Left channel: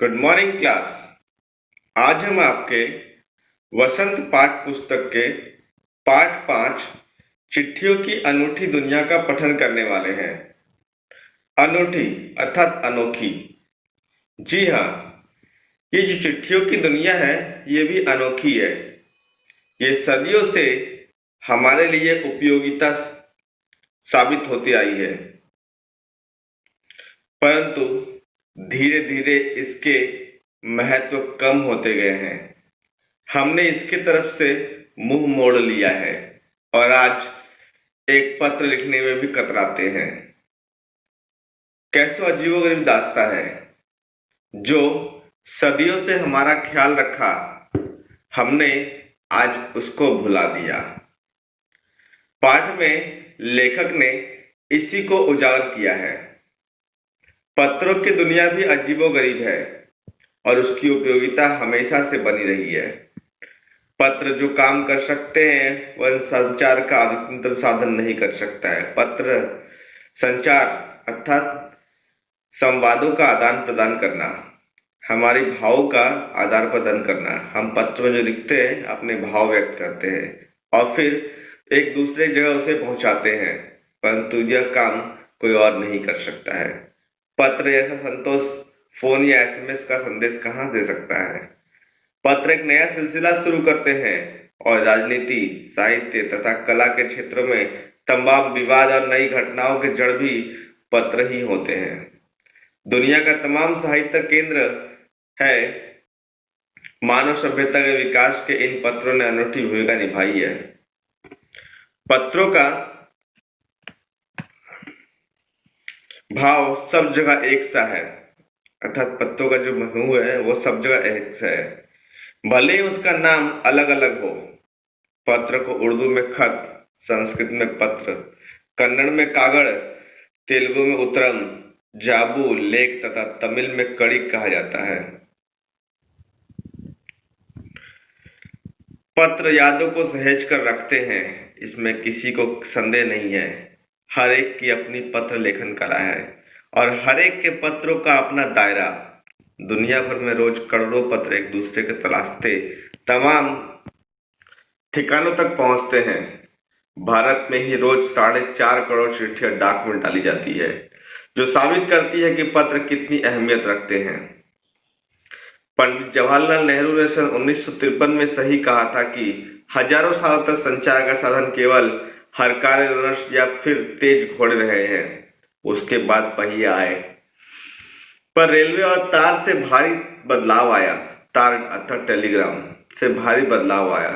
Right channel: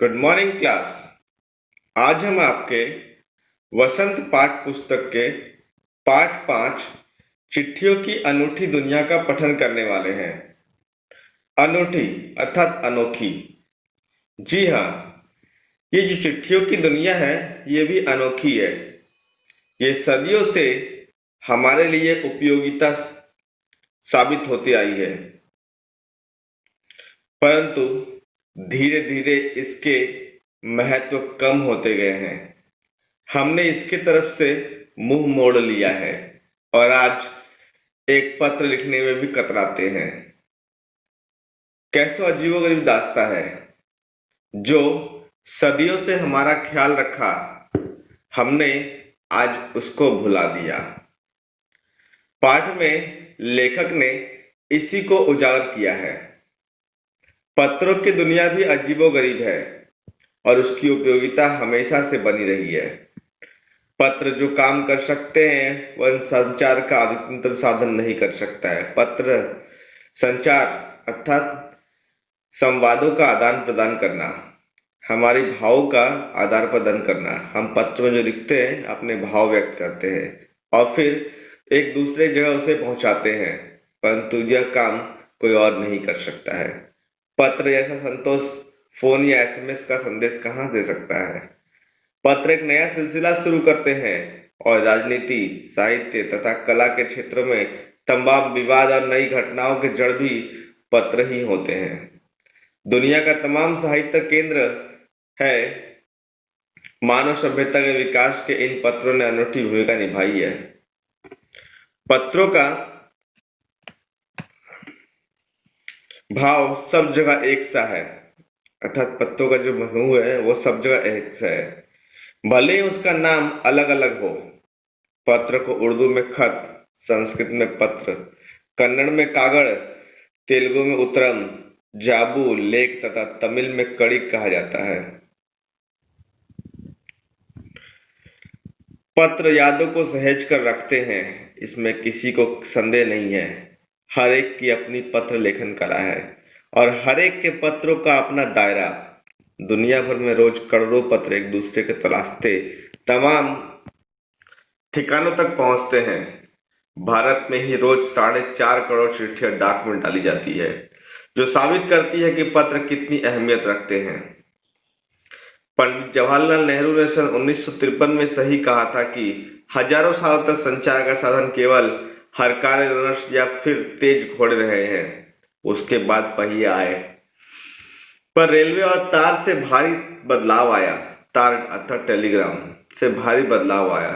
Good morning class. आज हम आपके वसंत पाठ पुस्तक के पाठ 5 चिट्ठियों की अनूठी दुनिया का पठन करने वाले हैं। अनूठी अर्थात अनोखी। जी हाँ, ये जो चिट्ठियों की दुनिया है ये भी अनोखी है। ये सदियों से हमारे लिए उपयोगिता साबित होती आई है, परंतु धीरे धीरे इसके महत्व कम होते गए हैं। हमने इसके तरफ से मुंह मोड़ लिया है और आज एक पत्र लिखने में भी कतराते हैं। कैसो अजीबोगरीब दास्ता है जो सदियों से हमारा ख्याल रखा, हमने आज उसको भुला दिया। पाठ में लेखक ने इसी को उजागर किया है। पत्रों की दुनिया भी अजीबोगरीब है और उसकी उपयोगिता हमेशा से बनी रही है। पत्र जो काम कर सकते हैं वह संचार का अधिकतम साधन नहीं कर सकता है। पत्र संचार अर्थात संवादों का आदान प्रदान करना, हमारी भावों का आदान प्रदान करना। हम पत्र में जो लिखते हैं अपने भाव व्यक्त करते हैं और फिर एक दूसरे जगह उसे पहुंचाते हैं, परंतु यह काम कोई और नहीं कर सकता है। पत्र जैसा संतोष फोन या एसएमएस का संदेश कहाँ दे सकता है। पत्र एक नया सिलसिला शुरू करते हैं और राजनीति, साहित्य तथा कला के क्षेत्रों में तमाम विवाद और नई घटनाओं के जड़ भी पत्र ही होते हैं। दुनिया का तमाम साहित्य केंद्र है। मानव सभ्यता के विकास के इन पत्रों ने अनूठी भूमिका निभाई है। पत्रों का भाव सब जगह एक सा है, अर्थात पत्रों का जो समूह है वो सब जगह एक सा है, भले ही उसका नाम अलग अलग हो। पत्र को उर्दू में खत, संस्कृत में पत्र, कन्नड़ में कागड़, तेलुगु में उत्तरम, जाबू, लेख तथा तमिल में कड़ी कहा जाता है। पत्र यादों को सहेज कर रखते हैं, इसमें किसी को संदेह नहीं है। हर एक की अपनी पत्र लेखन कला है और हर एक के पत्रों का अपना दायरा। दुनिया भर में रोज करोड़ों पत्र एक दूसरे के तलाशते तमाम ठिकानों तक पहुंचते हैं। भारत में ही रोज 4.5 करोड़ चिट्ठियां डाक में डाली जाती है, जो साबित करती है कि पत्र कितनी अहमियत रखते हैं। पंडित जवाहरलाल नेहरू ने सन 1953 में सही कहा था कि हजारों सालों तक संचार का साधन केवल हरकारे रनर्स या फिर तेज घोड़े रहे हैं। उसके बाद पहिए आए, पर रेलवे और तार से भारी बदलाव आया। तार अर्थात टेलीग्राम से भारी बदलाव आया।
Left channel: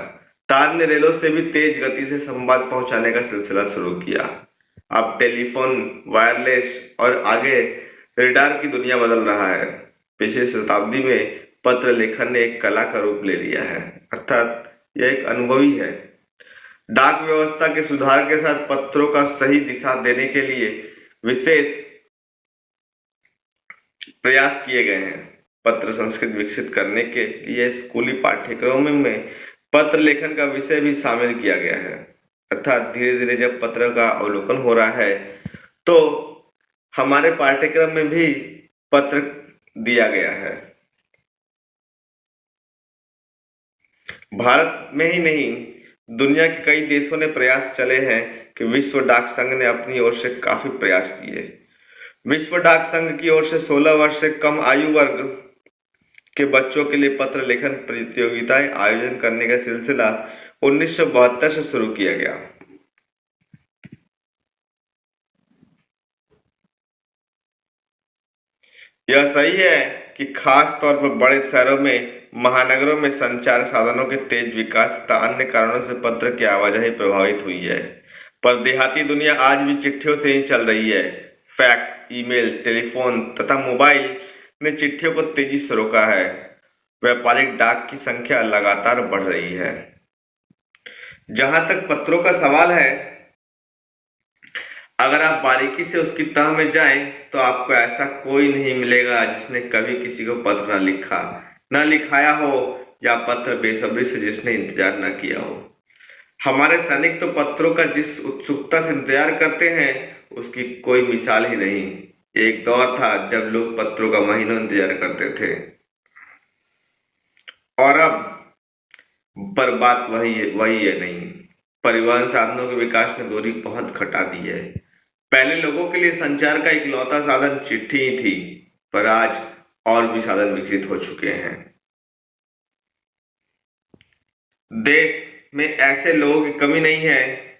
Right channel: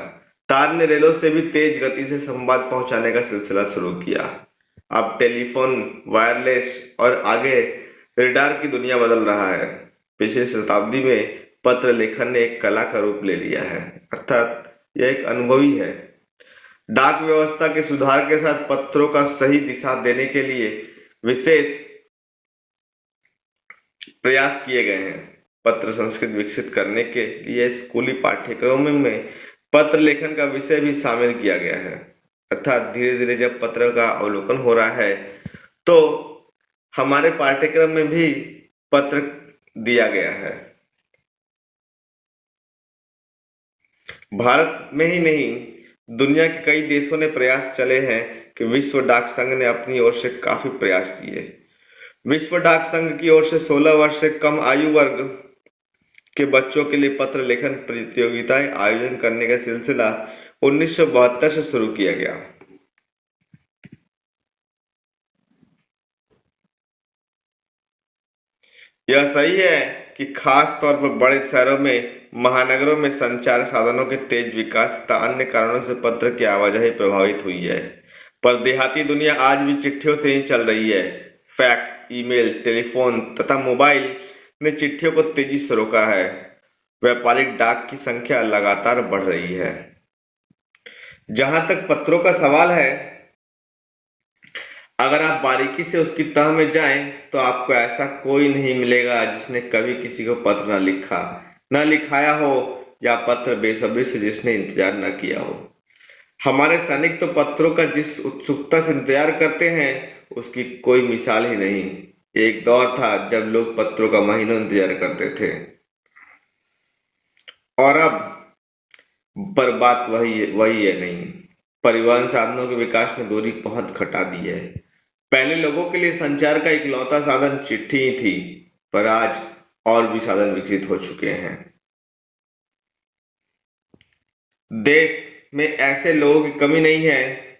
तार ने रेलों से भी तेज गति से संवाद पहुंचाने का सिलसिला शुरू किया। अब टेलीफोन, वायरलेस और आगे रेडार की दुनिया बदल रहा है। पिछली शताब्दी में पत्र लेखन ने एक कला का रूप ले लिया है, अर्थात यह एक अनुभवी है। डाक व्यवस्था के सुधार के साथ पत्रों का सही दिशा देने के लिए विशेष प्रयास किए गए हैं। पत्र संस्कृति विकसित करने के लिए स्कूली पाठ्यक्रमों में पत्र लेखन का विषय भी शामिल किया गया है, अर्थात धीरे धीरे जब पत्र का अवलोकन हो रहा है तो हमारे पाठ्यक्रम में भी पत्र दिया गया है। भारत में ही नहीं, दुनिया के कई देशों ने प्रयास चले हैं कि विश्व डाक संघ ने अपनी ओर से काफी प्रयास किए। विश्व डाक संघ की ओर से 16 वर्ष से कम आयु वर्ग के बच्चों के लिए पत्र लेखन प्रतियोगिताएं आयोजन करने का सिलसिला 1972 से शुरू किया गया। यह सही है कि खास तौर पर बड़े शहरों में, महानगरों में संचार साधनों के तेज विकास तथा अन्य कारणों से पत्र की आवाजाही प्रभावित हुई है, पर देहाती दुनिया आज भी चिट्ठियों से ही चल रही है। फैक्स, ईमेल, टेलीफोन तथा मोबाइल ने चिट्ठियों को तेजी से रोका है। व्यापारिक डाक की संख्या लगातार बढ़ रही है। जहां तक पत्रों का सवाल है, अगर आप बारीकी से उसकी तह में जाएं तो आपको ऐसा कोई नहीं मिलेगा जिसने कभी किसी को पत्र न लिखा, न लिखाया हो, या पत्र बेसब्री से जिसने इंतजार न किया हो। हमारे सैनिक तो पत्रों का जिस उत्सुकता से इंतजार करते हैं उसकी कोई मिसाल ही नहीं। एक दौर था जब लोग पत्रों का महीनों इंतजार करते थे, और अब पर बात वही है नहीं। परिवहन साधनों के विकास ने दूरी बहुत घटा दी है। पहले लोगों के लिए संचार का इकलौता साधन चिट्ठी ही थी, पर आज और भी साधन विकसित हो चुके हैं। देश में ऐसे लोगों की कमी नहीं है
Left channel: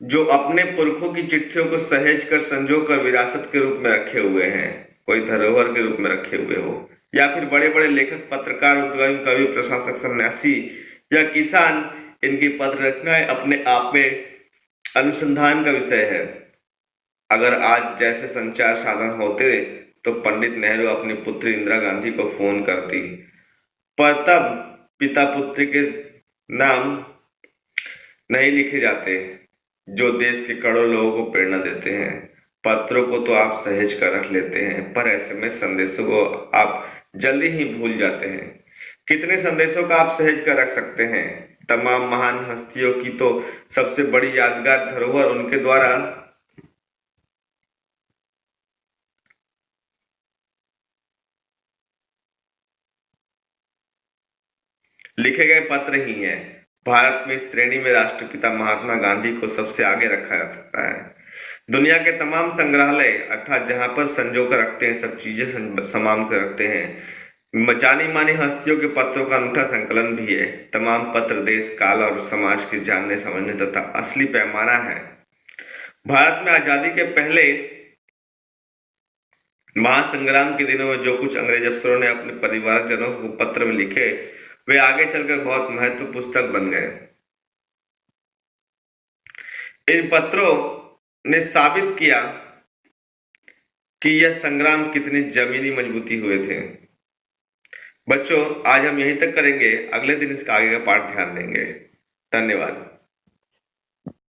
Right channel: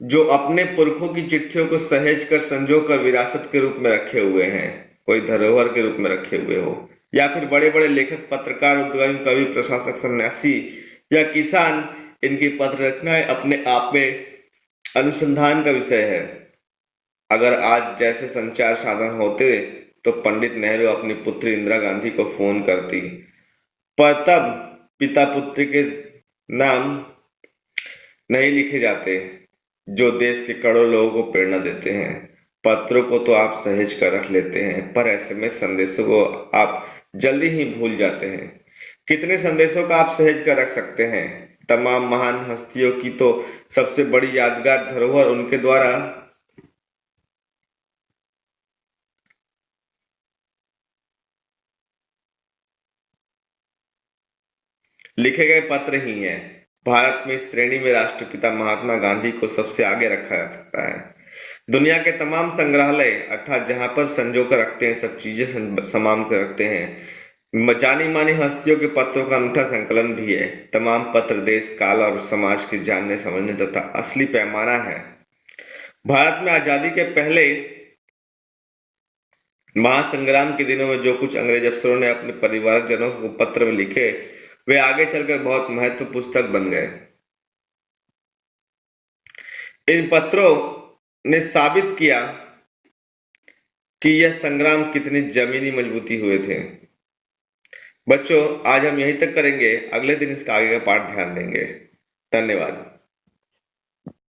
जो अपने पुरखों की चिट्ठियों को सहेज कर संजो कर विरासत के रूप में रखे हुए हैं, कोई धरोहर के रूप में रखे हुए हो, या फिर बड़े बड़े लेखक, पत्रकार, उद्यमी, कवि, प्रशासक, सन्यासी या किसान। इनकी पत्र रचनाएं अपने आप में अनुसंधान का विषय है। अगर आज जैसे संचार साधन होते तो पंडित नेहरू अपनी पुत्री इंदिरा गांधी को फोन करती, पर तब पिता पुत्र के नाम नहीं लिखे जाते जो देश के करोड़ों लोगों को प्रेरणा देते हैं। पत्रों को तो आप सहेज कर रख लेते हैं, पर एसएमएस संदेशों को आप जल्दी ही भूल जाते हैं। कितने संदेशों का आप सहेज कर रख सकते हैं? तमाम महान हस्तियों की तो सबसे बड़ी यादगार धरोहर उनके द्वारा लिखे गए पत्र ही हैं। भारत में इस श्रेणी में राष्ट्रपिता महात्मा गांधी को सबसे आगे रखा जा सकता है। दुनिया के तमाम संग्रहालय, अर्थात जहां पर संजो कर रखते हैं, सब चीजें समाम कर रखते हैं, जानी मानी हस्तियों के पत्रों का अनूठा संकलन भी है। तमाम पत्र देश, काल और समाज के जानने समझने तथा असली पैमाना है। भारत में आजादी के पहले महासंग्राम के दिनों में जो कुछ अंग्रेज अफसरों ने अपने परिवारजनों को पत्र में लिखे, वे आगे चलकर बहुत महत्वपूर्ण पुस्तक बन गए। इन पत्रों ने साबित किया कि यह संग्राम कितनी जमीनी मजबूती हुए थे। बच्चों, आज हम यहीं तक करेंगे, अगले दिन इसका आगे का पाठ ध्यान देंगे। धन्यवाद।